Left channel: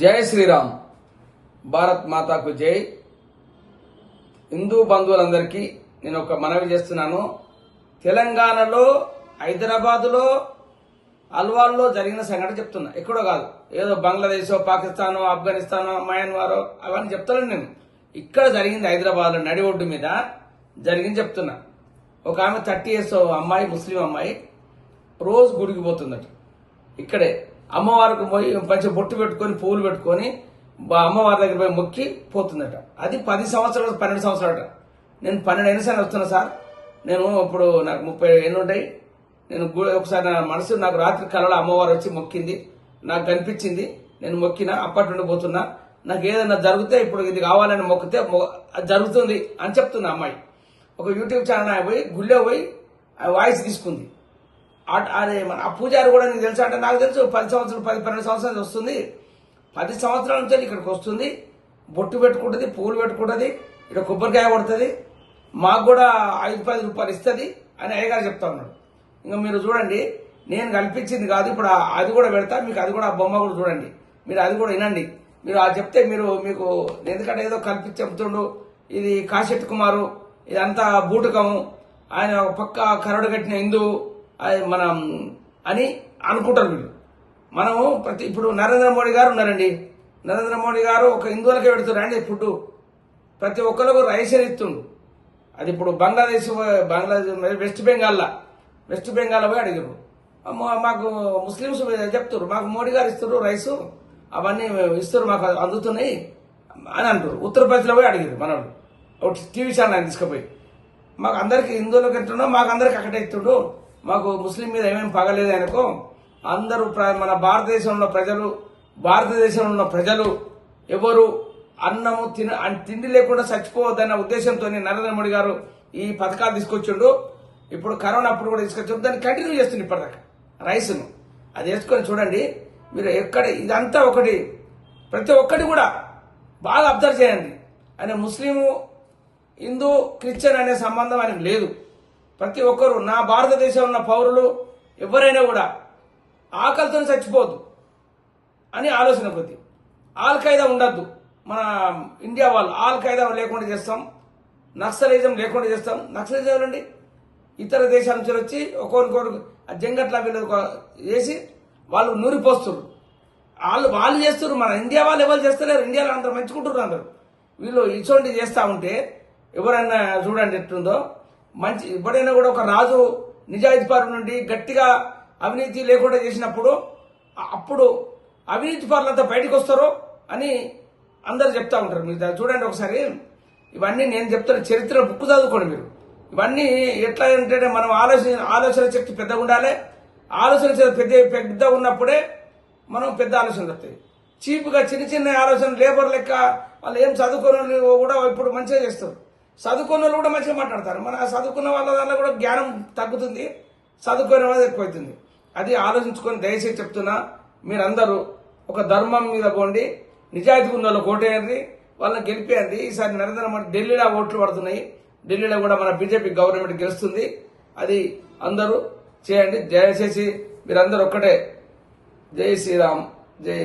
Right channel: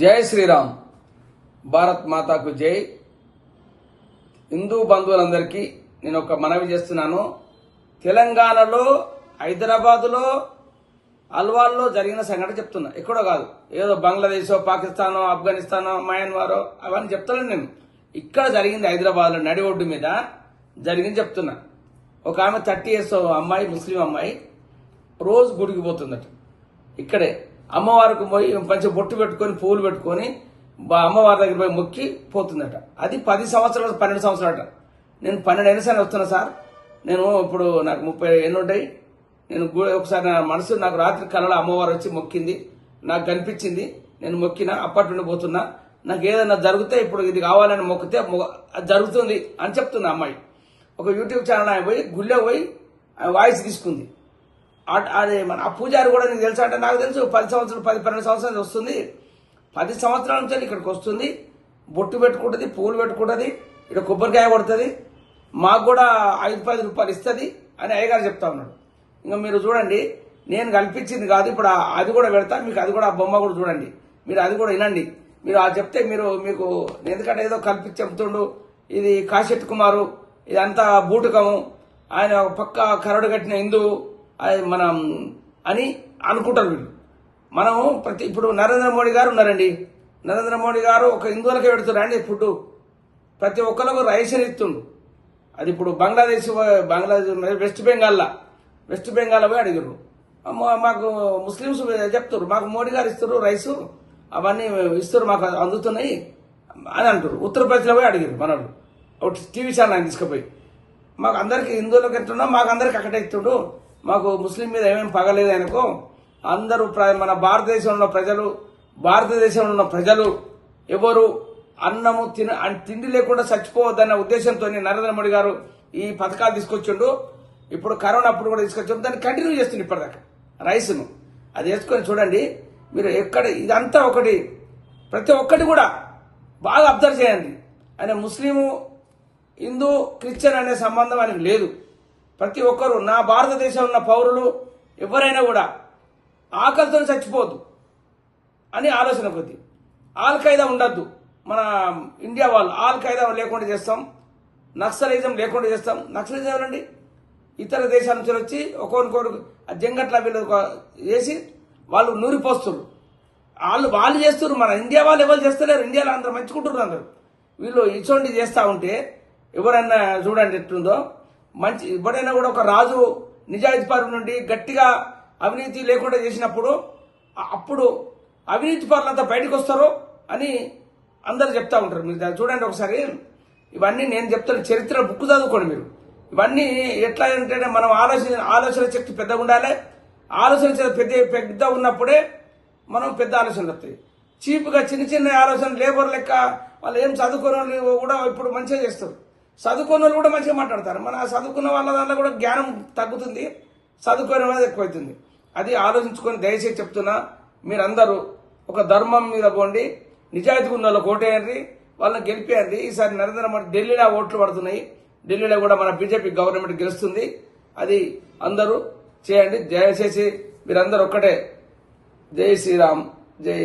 జై శ్రీరామ్. భారత్ మాతాకు జై. హిందూ బంధువులందరికీ నేను ఒక మనవి చేస్తున్నాను. తెలంగాణలో హైదరాబాదులో అల్వాల్లో జరిగిన సంఘటన చెప్తున్నా, ఎక్కడో కాదు. ఏదో బంగ్లాదేశ్, పాకిస్తానో, ఆఫ్ఘనిస్తానో, మయన్మారో అవన్నీ చెప్తాను నేను. ఇక్కడ జరిగింది హైదరాబాద్లో నడి ఒడ్డు మీద జరిగింది చెప్తున్నా. ఒక ఆమె 30 years అమ్మాయి, ముస్లిం అమ్మాయి, రోజు గుడికి పోతుందట. ఇక్కడే అమ్మవారికి పోయి మంచి బొట్టు పెట్టుకొని పూలు పెట్టుకొని అమ్మవారి దగ్గర పోయి మొక్కి పోతుందట. అది 10 సంవత్సరాలు 12 సంవత్సరాలట. నేను 12 ఏళ్ళ సార్ వస్తున్నా సార్. నేను ఇప్పుడు నాకు 30 ఏళ్ళు ఉంటాయి. నేను ఒకసారి నా మనసు నాకు రాత్రి కళలో అమ్మవారు వచ్చి మొక్కింది, నాకు కనిపించింది, నేను మొక్కిన, అప్పటి నుండి పోతున్నా. నాకు ఏదైనా జరిగితే ఇప్పుడు ఇది కావాలని మొక్కితే జరుగుతుంది అని చెప్తున్నా అమ్మాయి. ఒక యూట్యూబ్ ఛానల్ ఆయన పోయి గుళ్ళో పోయి వాయిస్ తీసుకుంది. అదే మన ఆ పూజారి కూడా నీకు తెలుసా అంటే, నాకు తెలుసు 10 సంవత్సరాలు 12 సంవత్సరాలు వస్తుంది. 10 సంవత్సరాల నుంచి ఇక్కడికి వస్తుంది, బొట్టు పెట్టుకుంటుంది, పూలు పెట్టుకుంటుంది, ఇక్కడ కొబ్బరికాయ కొడుతుంది, మాకు కూడా 5-10 రూపాయలు ఇస్తుంది అని అయ్యగారు చెప్తా ఉన్నాడు. ఇంకా మీరు చూడండి, నేను కల్పించింది కాదు. ఇప్పుడు అది కూడా పెడతా మీకు, అది కూడా ఆ బొమ్మ కూడా చూడండి, మీరు అది కూడా వినండి. మీరు అది చెప్తే మీకు ఎందుకంటే ఏదో కల్పించి చెప్తుండు, ఇది కాశెట్టి కుమారు, ఇదంతా బూటకము, ఆయన పక్క కరడు కట్టిన హిందువు మనం అని అనుకుంటారు వీళ్ళు. మనము ఇప్పుడు నరేంద్ర మోడీ గారు ఉన్నారండి. నరేంద్ర మోడీ గారు ఒక హిందువులకే పెడుతున్నారండి ఫుడ్. ప్రతి ఒక్కరికి రైషన్ ఇస్తుండు. అది ఇప్పుడు బంగ్లాదేశ్ వెస్ట్ బెంగాల్ పోయి అడిగారు, మాకు ముస్లింస్ చెప్తారు, మాకు మోడీ గారు ఇస్తారు రైసు, అవన్నీ ఇస్తారు, మాకు అందుతున్నాయి అని అంటారు. ఉత్తరప్రదేశ్లో పోయి అడిగారు మనోళ్ళు, ఒకటి టీవీ ఛానల్ ఆయన తీసుకుపోయి, మాకు అందరికి హిందువులకు ఎంతుండో మాకు అందరికి అక్కడే ఇస్తుండు, మాకు ముస్లిం మీద ఏమేమి పగలేదు ఆయనకు. అందరూ మన భారతదేశంలో ఉన్న ప్రజలు ఎవరు అన్నము తిండి లేకుండా చచ్చిపోవద్దన్న ఉద్దేశంతో నరేంద్ర మోడీ గారు ఈ పథకాలు తీసుకొచ్చిండు. ఇప్పుడు కరోనా అప్పుడు కూడా తీసుకొచ్చిండు, దాన్ని కంటిన్యూ చేస్తుంది ఇప్పటిదాకా రైస్ను. అది వేసుకొని చూడండి మీరు. ఎక్కడ ఇదంతా ఒకటి, ప్రతి ఒక్కటి కూడా బాగా అబ్జర్వ్ చేయండి. ఆయన ముస్లిము, హిందూ, క్రిస్టియన్ అనే సంబంధం ఆయనకు లేదు. ప్రతి ఒక్కరు, నా భారతదేశంలో ఉన్న పౌరులు ఎవరైనా కూడా ఆకలితో చచ్చిపోవద్దు అని ఆలోచన కొద్ది. ఆల్ ఖైదా ఉండద్దు, మన ఇండియా వాళ్ళు ఆల్ ఖైదా లేకుండా చేస్తాం, నక్సలిజం లేకుండా చేస్తాం. నక్సలిజం ఎవరండి? ఇతర దేశాల నుంచి వచ్చి ఒక్కొక్కరు జంగట్లా వీళ్ళు చేసి వాళ్ళు నూరిపోస్తారు. వాళ్ళు చేస్తారు, మన ఇండియా వాళ్ళు ఎవరు చేస్తలేరు. ఇండియాలో అందరూ మంచుకుంటున్నారు అందరు. వీళ్ళు ఇటువంటి చేస్తా ఉంటే ఎవరన్నా చూడండి ఎట్లుందో. మంచి ఎప్పుడైనా కూడా ఒక రాజు నిజాయితీపరుల నుండి గట్టిగా అవినీతి లేకుండా చేసినప్పుడు అప్పుడు అవినీతి పరులంతా బయటకు వస్తారో అని అందరు చెప్తా ఉంటారు. మీరు చూడండి ఒకసారి. ఇవన్నీ నేను చెప్తున్న చరిత్ర బుక్ చదువుకోండి మీరు. ఇవన్నీ ఎట్లా ఏంటంటే మనం ఆలోచన శక్తి పెద్దగా ఉండాలి. ఆలోచన పెద్ద ఉన్నప్పుడే మనం పెద్ద ఆలోచనలు వస్తాయి. చీప్గా చిన్న ఆలోచన లేబర్ లెక్క వాళ్ళు ఏం చదువుకోని కూడా ఇప్పుడు మంచిగా చేస్తారు. చదువుకున్న వాళ్ళు కూడా మంచిగా మాట్లాడతారు. మన చదువుకున్న వాళ్ళ వల్ల కూడా జ్ఞానం తగ్గుతుంది, చదువుకునే వాళ్ళది ఎక్కువైతుంది. అది ఆలోచించుకొని దయచేసి చెప్తున్నా, మీరందరూ ఒక ధర్మం మీద పోండి, నిజాయితీ ఉన్న వాళ్ళు ఓటేయండి, వాళ్ళని గెలిపేయండి. ఈసారి నరేంద్ర మోడీ ఢిల్లీలో ఓట్లు పడుతున్నాయి, ఢిల్లీలో కూడా మన బీజేపీ గవర్నమెంట్ గెలుస్తుంది. అది అందరూ చేయండి. దయచేసి మీరందరూ ఒక్కటే. జై శ్రీరామ్, జై